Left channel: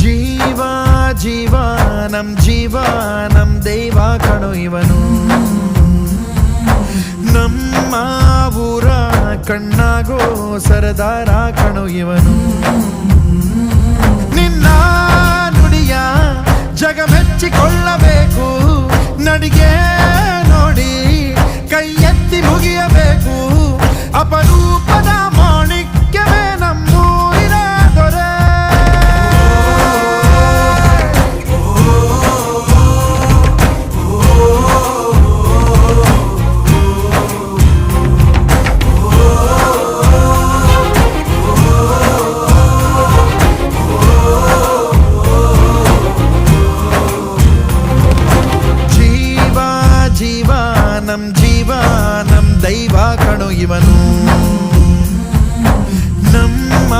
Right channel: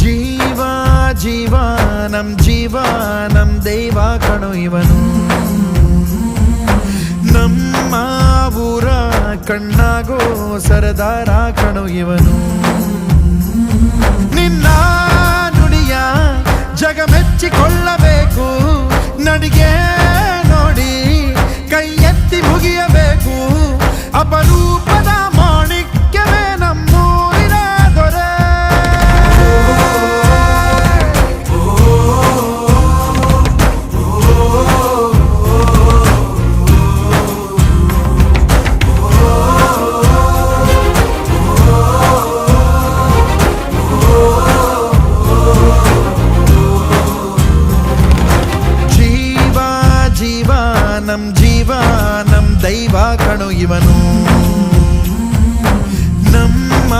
ಜೀವ ಜೀವ ನಮ್ ದೈವ ಕಣೋ ಇವನು. ನಮ್ಮ ಊರ ಕಣ್ಣಾಗೋ ಸರದಾರ ಕಣೋ ಇವನು. ನಿನ್ನ ನುಡಿಯ ಜಗ ಮೆಚ್ಚಿಕೊಳ್ಳಬೇಕು, ನಡಿಗೆ ನೋಡಿ ಕೈ ಎತ್ತಿ ಮುಗಿಯಬೇಕು. ಅಪರೂಪದ ಮಾಣಿಕ್ಯವೇ ನಮ್ಮೂರಿನ ದೊರೆ. ಜೀವ ನಮ್ ದೈವ ಕಣೋ ಇವನು. ನಮ್ಮ